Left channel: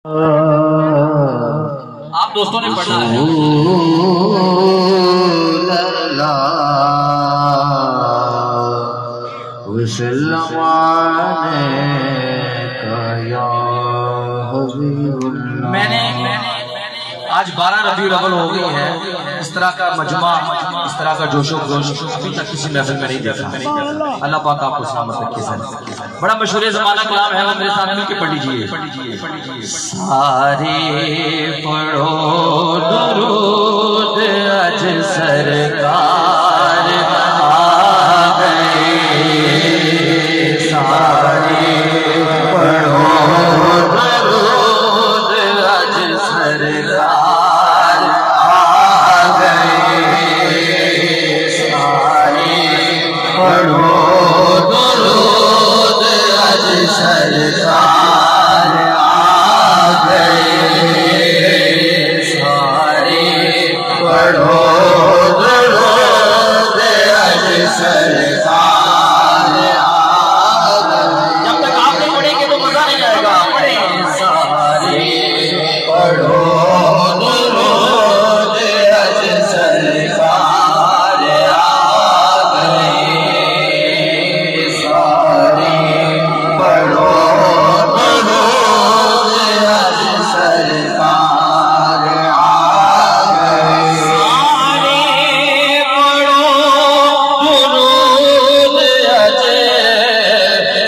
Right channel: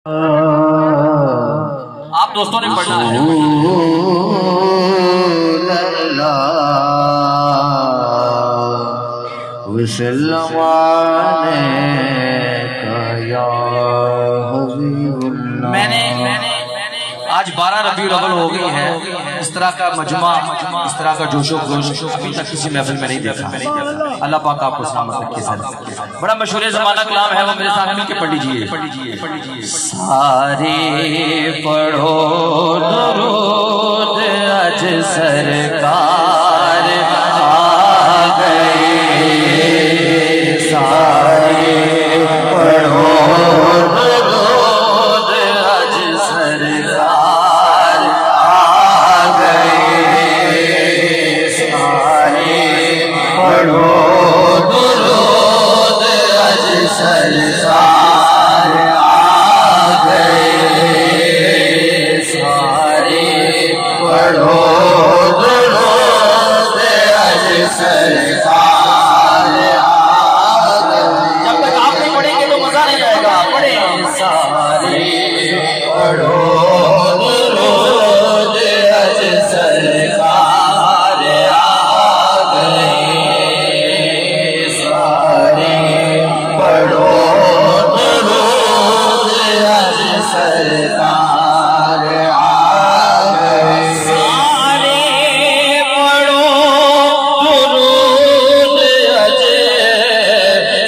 आप दोस्तों ने पढ़ना है। मैंने आज 12 रबीउल अव्वल हो गए हैं, इस तरह का मजमा, इस तरह का जोशो खरोश अभी तक किसी महफिल में नहीं देखा। अल्लाह पाक आपको सलामत रखे। बड़ा मशहूर ज़माना कलाम है, वो मेरे साथ मिलके पढ़ लीजिए। सारे पढ़ो दरूद आज सरकार आ गई, सारे पढ़ो दरूद आज सरकार आ गए, सारे पढ़ो दरूद आज सरकार आ गए, सारे पढ़ो दरूद आज सरकार आ गए। जब तक आप नहीं पढ़ेंगे तो मजा नहीं आएगा। सारे पढ़ो दरूद आज सरकार आ गए, सारे पढ़ो दरूद आज सरकार आ गए, सारे पढ़ो दरूद आज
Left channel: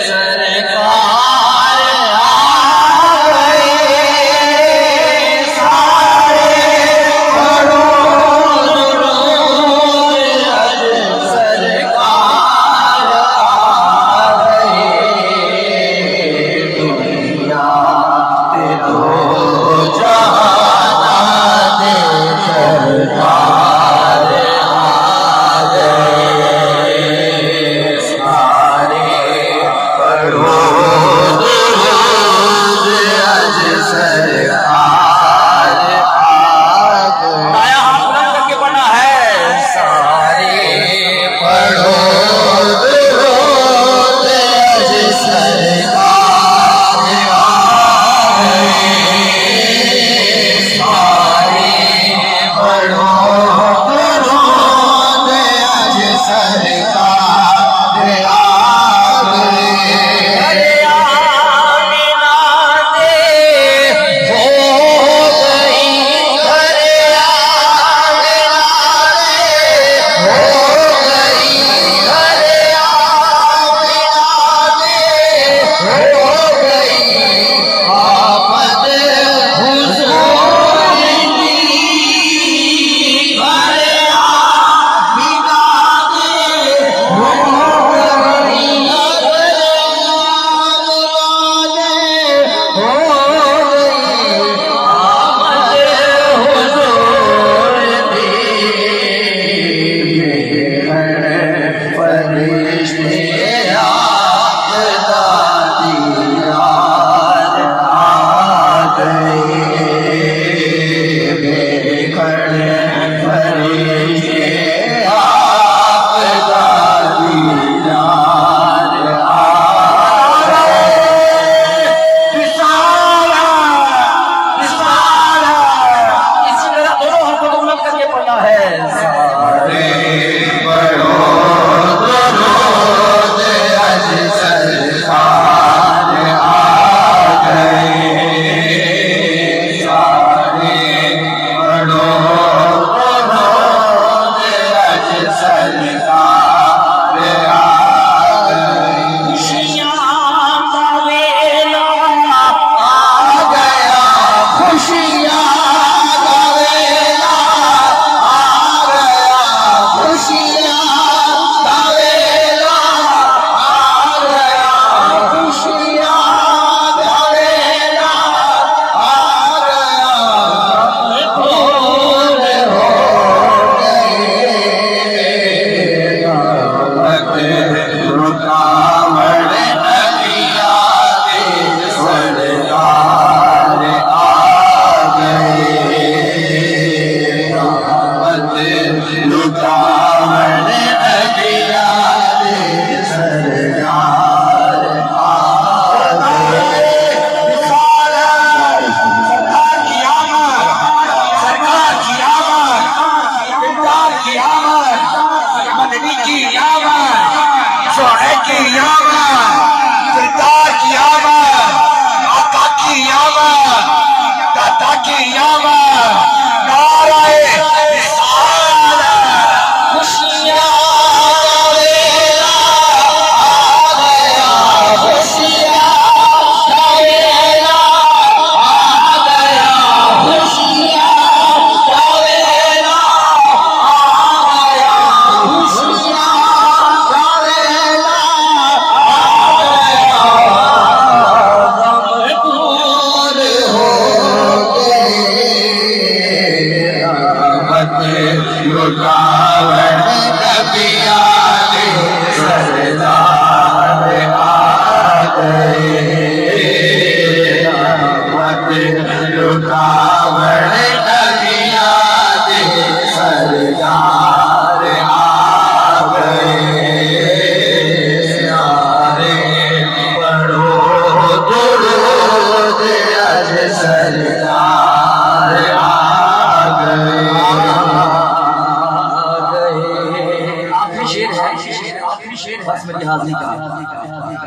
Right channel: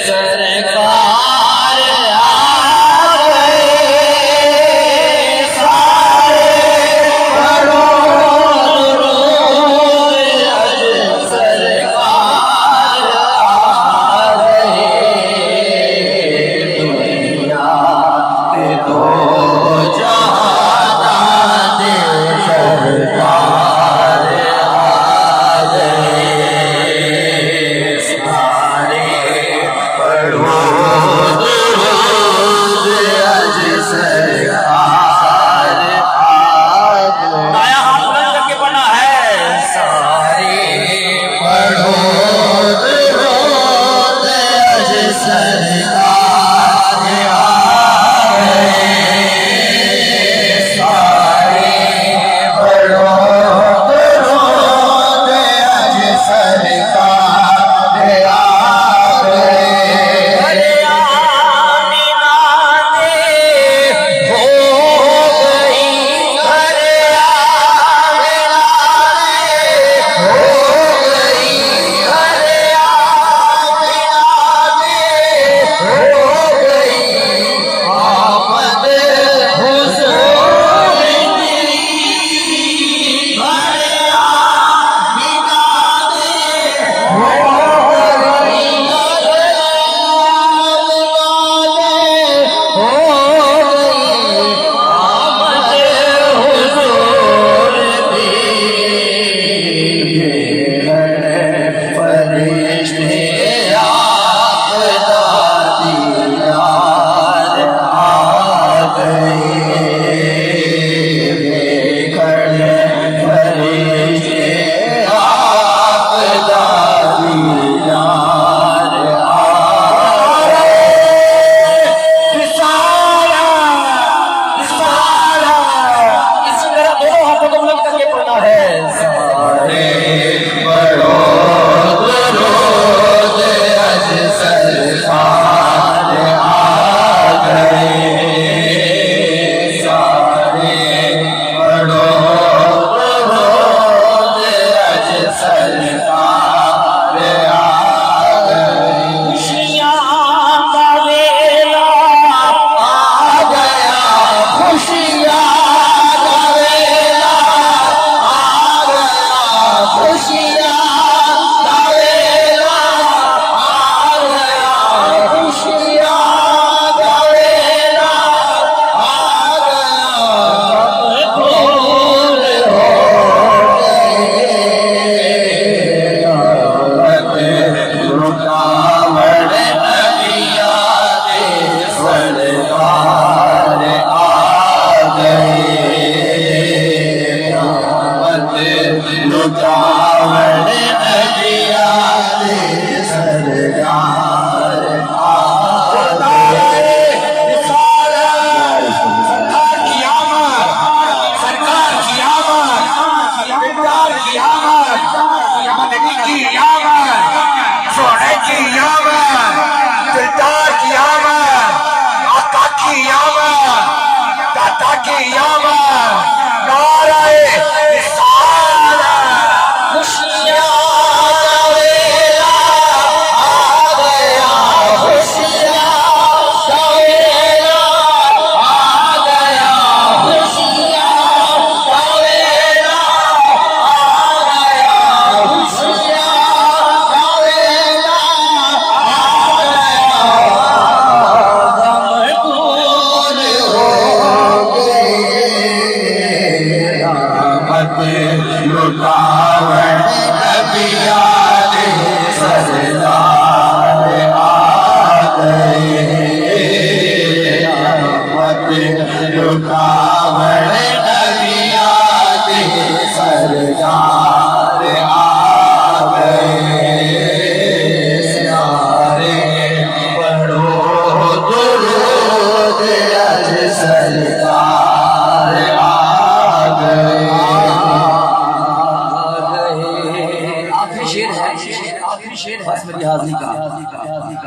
सरकार आ गए, सारे पढ़ो दरूद आज सरकार आ गए। दुनिया पे दो जहां दे सरकार आ गए, सारे पढ़ो दरूद आज सरकार आ गए। दाया हाथ बुलंद करके पढ़ना है। सारे पढ़ो दरूद आज सरकार आ गए, नबी की आमद, सोने की आमद, दिलदार की आमद, आका की आमद, दाता की आमद, नाराए रिसालत, खुशियां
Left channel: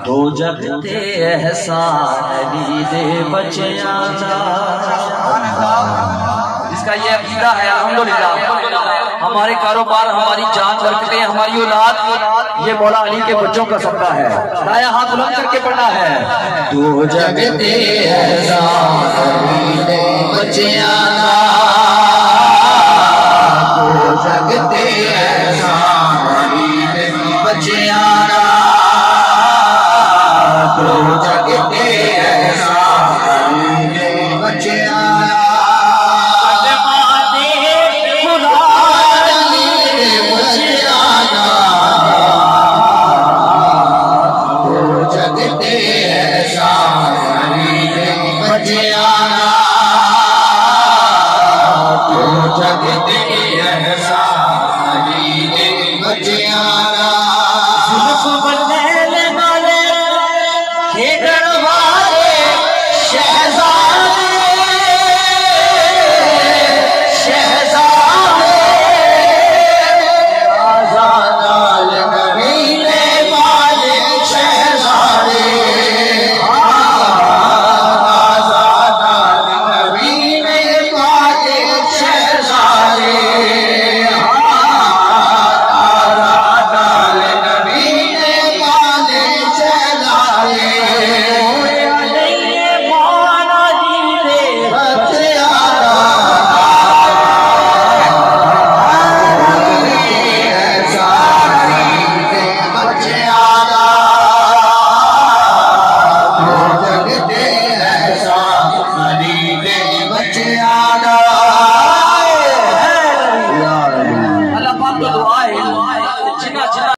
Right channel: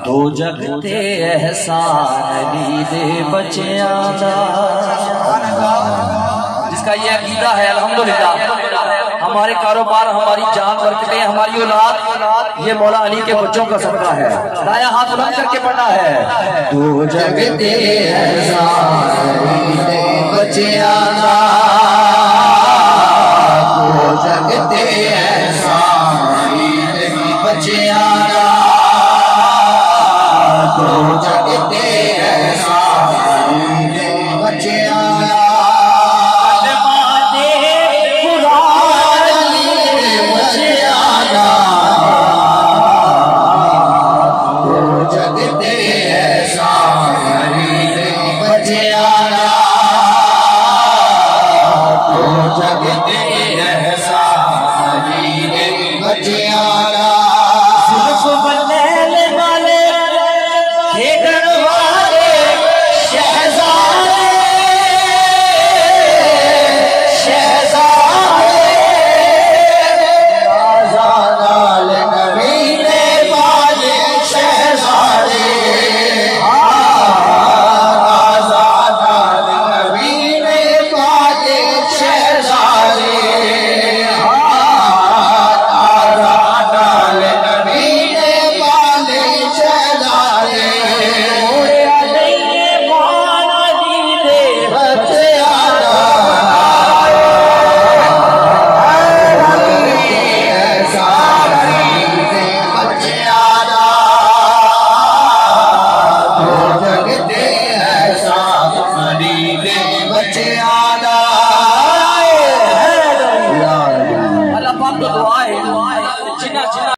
दो जगते एहसान दे बच्चियां दा, जिसका ये अकीदा है अल्हम्दुलिल्लाह हमारे कारोबार, हमारी जान, बरकतें, हमारी औलाद ये मौला अली के बच्चों का सबका है। दाया हाथ बुलंद करके पढ़ना है। दो जगते एहसान